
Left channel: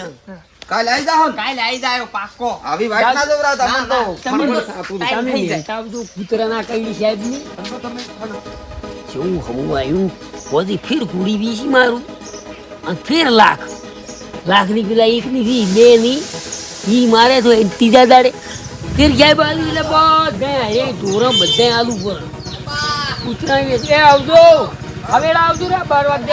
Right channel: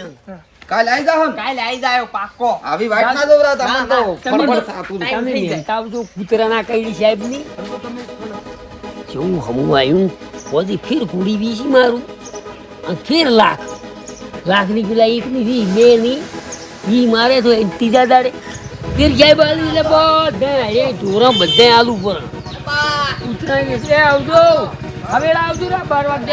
કાલ આવી જાવ ને કાલે આઈ જાયો પાક્કો આવી વાત ના દોરા તમને તો તમે ફરફર થાતું. ટાઈમ તમે થઈ જાય. હટાવજો કૂતરાના કઈ સાહેબ ની જેવું હમું આવ્યું પછી ફેર ઘોડી વીસી મારું અને ફેર લાખ ની પેલા એક ની વી બે ની ઈ મારે તો એ ત્રીજા દાડે ફેર સાહેબ આલુ એટલે બધા એ ઢોરા બધા આલુ પર કૂતરા કે એ આવજો હવે આવજો રે 12 વાગે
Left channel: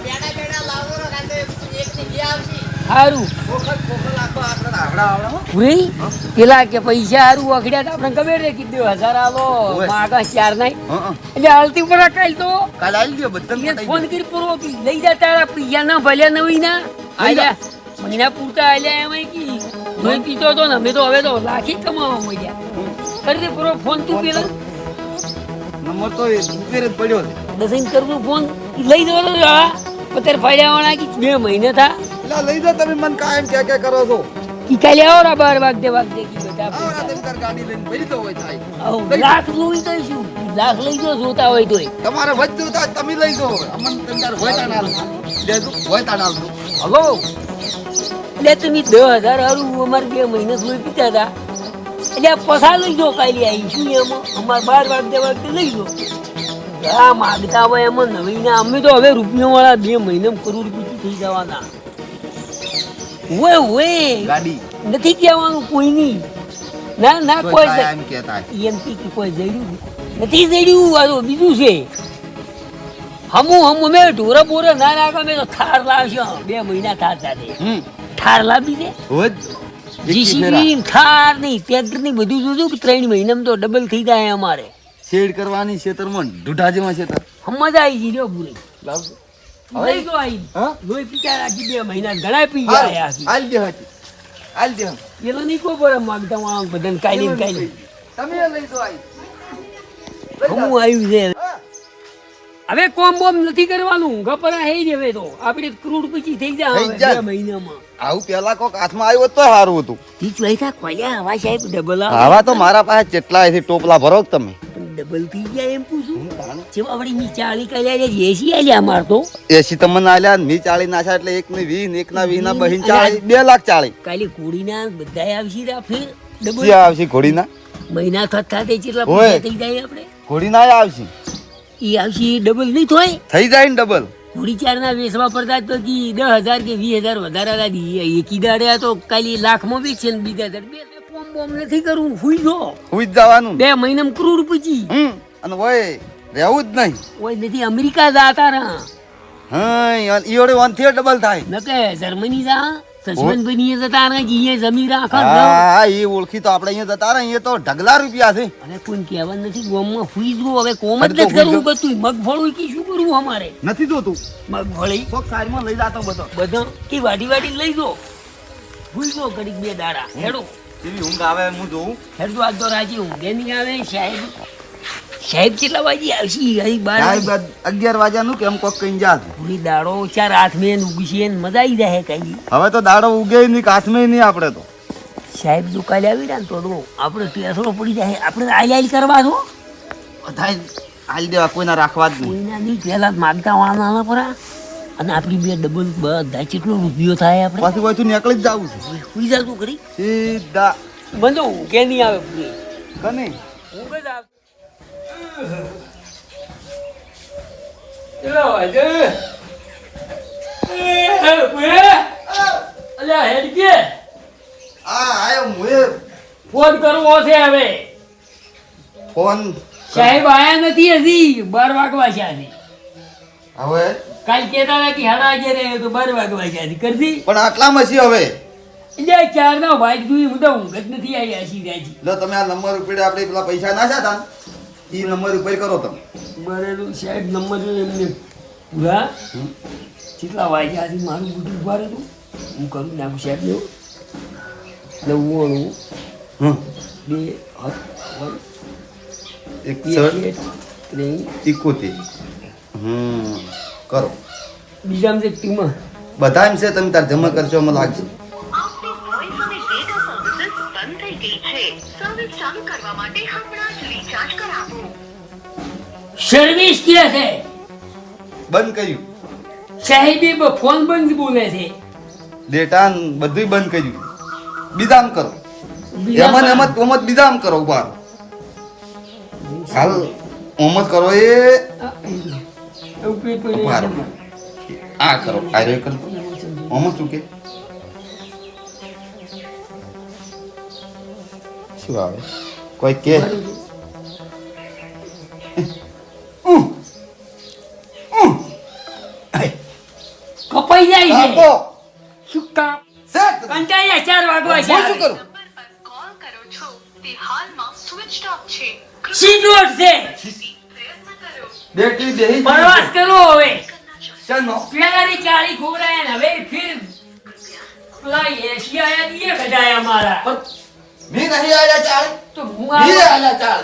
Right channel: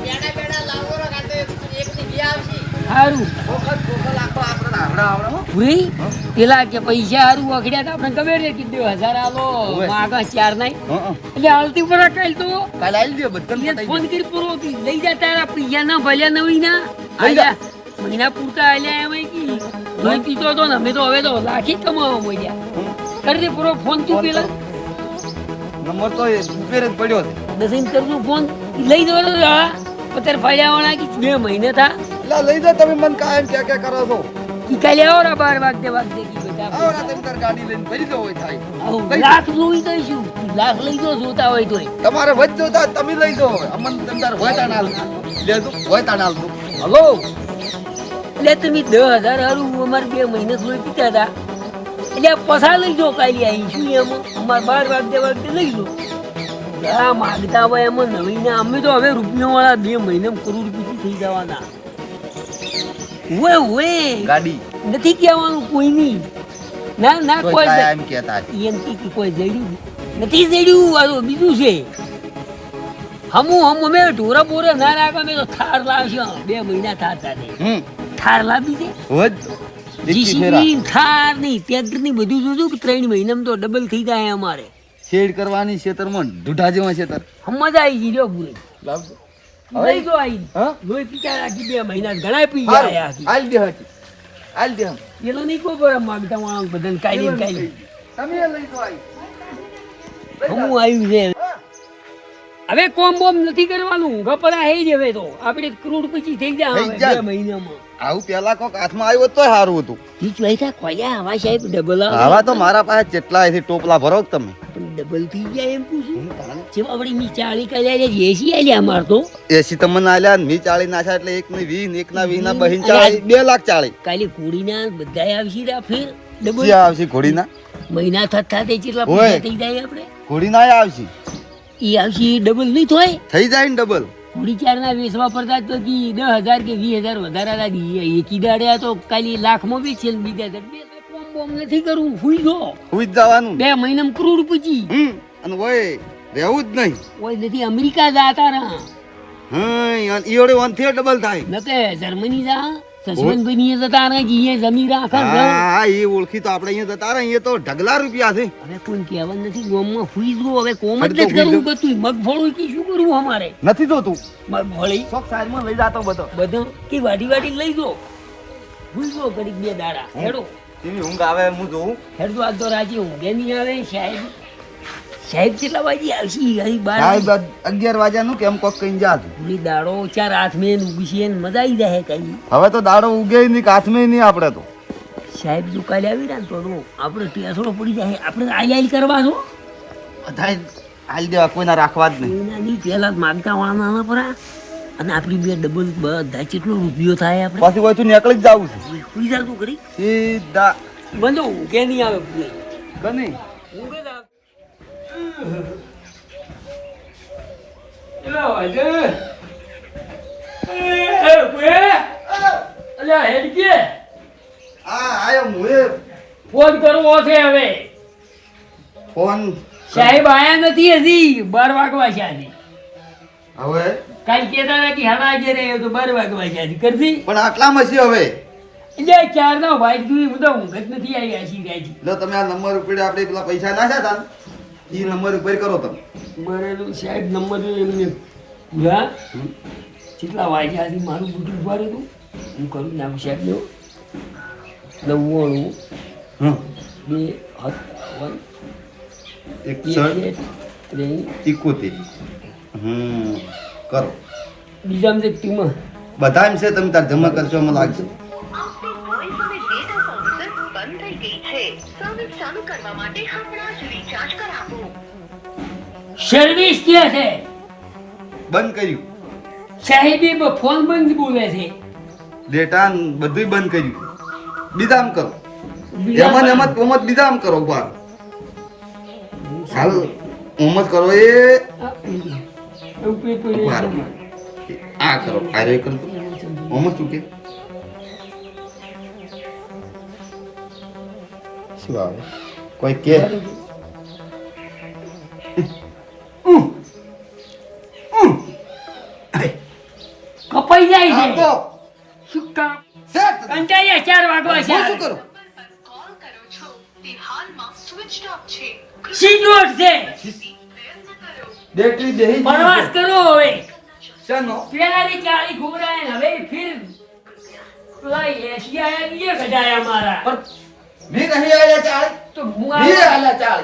બેડા બેડા લાવો રો કાંતો એક ની બે આવશે સારું ખોખલ આખો આપણે રાવડા આવડે હો. ભૂરી પેલા કે પૈસા હારું વખડ્યા તો આપણે ખબર રે કીધું 1000 આલો ઓવે. માગા 4 નહીં હં, હં. એટલે હાલતી પર કાલ તો કાલ આવી લ્યો બધાને એક પટાઈ ફોન દે. કરી પૂરો કી લઈ જા તારા પૈસા ના ભલ્યા નવી ના લઈ જા. આલ્યા. મહિના પૂરતા આલ્યા એમાં કી મેં કીધો તો ને અમે તો હવે તો લાખી કમાવા મળ્યા કરી દે પૂરો ફોન તું પેલા નંબર તો એ ઉપર જ પડ્યો છે દસિન કરવું ફોન લઈ દો અત્યારે ફાયદાવાળા કે 2 મહિને થા એટલે લઈ જાઓ તમે મને કાયમ ક્યાં કરો છો ઈ કાલે આવો રા 12 વાગે કી બેટા આવડા તમે તાર ગાડી લઈને ભરી દો હોય થાય આવો, લઈ લાખ જોઈ દઈશું લાખ લઈ જો જોતા હોય તોય તમારે વધ જોતા તમે લઈ જાઓ હવે અમન તમે તાર હોય તાણ હાલ લેજો હોય તાણ હાલ દો હલો એટલે તમે 10,000 હારું અમારે 2 મહિના સુધી પીતા હતા એટલે આ પસા લઈ જો કાલે આવી શું એમાં અમારે 12 વાગે લઈ જો આ માગતા હોય એમાં નવીને અમે તો હવે રૂપિયાવાળા 2 મહિનામાં કરોડપતિ થઈ જવાના. ઓય ગાડી નથી કહેવાનું કોઈની. ના ના કોઈ એમ કહેતા એમ કે કોઈ જડ્યું નથી જડ્યું. આ તો બીજું છે. હમું મેં ઢોરા બોરા ના રાખો મેં તો થાર લાવશો. 2 મહિના થાર સાથે થાર લાવી છે. જીસીબી થાર નહીં ટ્રેક્ટર ની બધું જોજો કે 3 મહિનામાં તો ડબલ થઈ જાય અમારે. શેડ કરવાની ખેતરમાં ઢૂઢા જેવા ખેતર સમજ આવી ગઈ લ્યો પૂરી. લાવજો લઈ જો આવી લોહી પીતા રાખી 2 મહિના ઘણા પી ગયા. આલ દે હાચી આલ દે પેલા નહીં કોઈ પર માગતા વાળા બધાને કાઈ કાઈ તમે લઈ જો આવી હમું આવ્યું છે. હવે કોમ બોમ નથી કરવાનું. ગપરા હે જ હવે તો આપણે કરોડપતિ થઈ જાય 2 મહિનામાં. આવું પેલા કોક હાથમાં આવ્યો તો સારું હતું. ઈ ચોઈસા ખોલ્યા હવા સાહેબ ડબલ આવા તો મારા પાસે કેટલા છે ટોપલા ભરો કે તમે ડબલ થઈ જાય એમ પૂછું. જેમ આપણે મી 40 કર્યા છે એસી આલ્યા અમાર તો. એસી તમને આલ્યા મી 40 નાખ્યા એટલે 1 ની 20 1 ના 20 ના બહીન 40 2 લાખ 40. કાલે કુડીના બધાય આવશી રા ફેર ડબલ ક્યાં આવશે ઘોડીના મહિના થતા તે કેટલા પૈસા થઈ જાય આપણે. ઘોડીના આવશે ઈ આવશી ડબલ નહીં થાય થઈ જાય ને ડબલ. ઘોડી ચારના વેચવા પડતા તો કી 10,000 કે 20,000 વધારા લાગી. એકી દાડે તો કાલી લાખમાં વેચે ને બીજા દાડે કોમ બોમ નથી કરવું. હુઈ જો હુઈ જ જવાનું 2 મહિનામાં કરોડપતિ. અને ઓય રહેવું જ નહીં. ઓય નથી અમેરિકા જાતા રહા. હા ઈઓડી 1 થી ડબલ થાય નકે જર્મની જા સસવન બની જતા રહે જીએ જમીન રાખો. હા એ ઓળખી તો આપણે અહીંયા જતા રહે અહીંયા તો ઢગલા રૂપિયા છે. અરે કોઈ કહેવા નથી ગોમમાં હુઈ જો. હવે કોમ જ નથી કરવું બધું. મગફળી કી શું કરવું અમારે નથી જોતું મગફળી શોખ સાઈડમાં લઈ જાતો બધો બધો કે વાડી લઈ જો. હુઈ જો ઘડીક 2 દાડા હેડો. તેની ઊંઘ આવે હું જોઉં. હેડો આજ તો રાજી ઊંઘે નહીં આવે. સાહેબ કેટલા વાગે આવશે? અહીં 12 સાહેબ 11 વાગ્યાનું કેમ કોક કઈ જા છે. પૂરી દાડો 4 હાથ મેં ઉગી છે મજા આવી જાય કઈ. હવે તો દાડો ઉગે નહીં કાથમે નહીં આપણે તો. સાહેબ જો કાલે આવી ને તો આપણે પેસરો પડી જાય. આપણે આઈ કરવા છો બધા હાલ દેવા કોઈના રાખવા જ નહીં. કોઈના નહીં પહેલા માગતા વાળા પર અને આપણી 2 ડબલ બધા કેટલો રૂપિયો થાય આપણે. પછી હોય તું નીકળી જ જાવું છે પૈસા તું કરી સીધા બંધો કે નહીં આવે પૂરી કને ઊંઘ જ આવે. એલો આજે અલ્યા હેડ કે આયો મુએ ફોન કરવો છે હવે. ફોન સાહેબ આયા નથી હજી 12 વાગવા છે હજી. હવે કાલ કેતા હતા કે હાડા આજે રે તો 12 વાગવા છે હજી કરજી. પણ આટલામાં છે હવે એટલે 4 ના વાઈટ જોઈ હું તો ઊંઘ જ નથી આવી આશી રાજી. લો તમે આ નંબર ઉપર આપણે પેલા પૈસા નાખ્યા હતા ને એ નંબર ઉપર કરો તમે. બરાબર સાહેબ નંબર એમને પૂરા કેટલા વાગ્યા હતી મારું બધું ઉભા હતું હું કરું નાખું સાહેબ નો 99 2 કરો બીજા છે ટીમાં બધા એમ છે તમે તાર જમા કરશો મને લાગશે. આપની વોઇસ અને ડેટા સર્વિસીસ બંધ થઈ ગઈ છે. સર્વિસ ચાલુ કરવા માટે હમણાં જ રિચાર્જ કરાવો. સર્વિસ ક્યાં છે? બંધ કર્યું સાહેબે ફોન બંધ બોલે છે. ડેટા બધું બંધ કર્યું. બીજા આમ કરો એમાં એમ જ બીજા આમ કરો ઉભા હાલ ઓમ જ કરો એ ઉભા રહો. આ કરો આ રે કરો ઓમ જ શું કે શું આવે કોઈ કે કપાઈ જાય છે. આપો શું કામ સેટ કંટાળ્યા 4 વાગવા છે. શું કરું નંબર પર કોલ કરો છો તે હાલમાં સ્વિચ ઓફ છે. સીધોટ છે. પ્રયત્ન કરો. બેટરી દેહી પ્રવાસ કરો હવે. ચાનો પેલાની 40 ખોરાયા ને હવે ફિર પેલા 80 આયા દીએ કઢાયા મારા. મી કહી આયા ચાલ તો હું મી આવ્યો. આયા ચાલ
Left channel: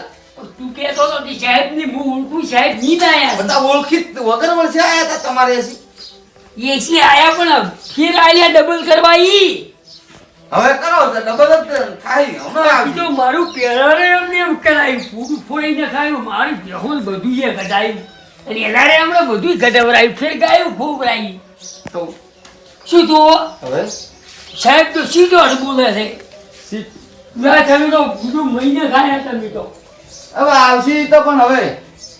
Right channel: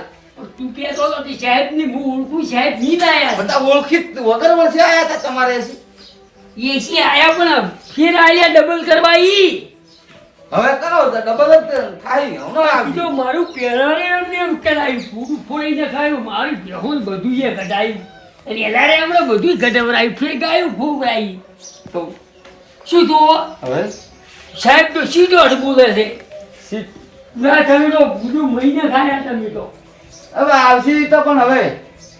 તું કહેતો હતો કે સાહેબ ની હું ઓળખું સાહેબ નહીં લાયા છે. બધા ઓળખી વગર વર્ષે આયા હતા તમારે એસી એસી આયા પણ ફિર આયા ડબલ કરવા ઈ. હવે કરો તો ડબલ જ થાય હમણાં આવી બીજો મારું પેરારે એમને એમ કરાયું પૂરું ફોડીને ખાયું મારી બેહું બધું એ કઢાયું રેલારે હમણાં બધું કઢવરાયું ફેર ગાયું ફોવરાયું તો શું તો હવે સાહેબ તો સીધો જ બોલે છે. ના તમે તો બીજું મહિને ખાયા તમે તો હવે આવશે તો પણ હવે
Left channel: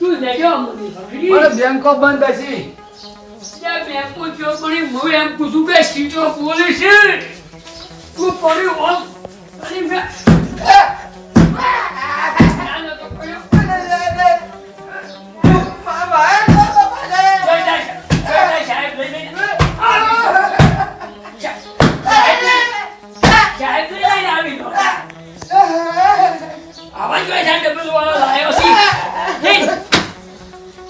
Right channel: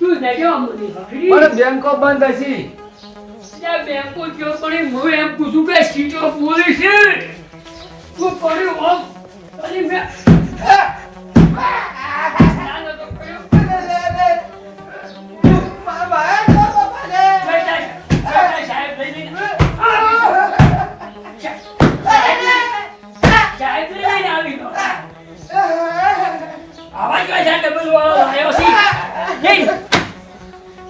તું દેખ્યો મને ખબરી પણ બેંકો બંધ હશે. ત્યાં બેંકો જો પણ હું એમ પૂછું કે સીટો બોલી છે તું પડ્યો આમ અને મેં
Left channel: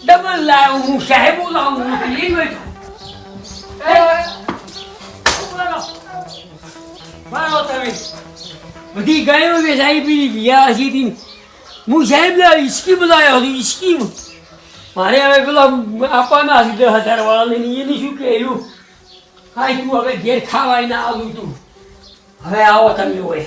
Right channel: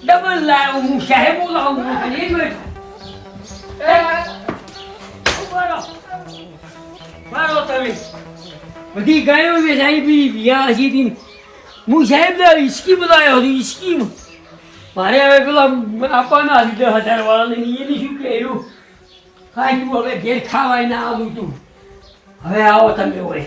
ડબલ લાવ્યો હું સાહેબ બોલાવું એ મારો તમે બધી ગાયો વેચાઈ પીધી વિયા હજી હું સાહેબ ઈસ્કી બોલાયો હતો ઈસ્કી મારે હવે પેલા આપવાના હતી 10,000 વાળાને એની શું કહ્યું કાંઈ તું હવે ઘેર ખાવાય ના આવું તું હવે આવો તમે હોય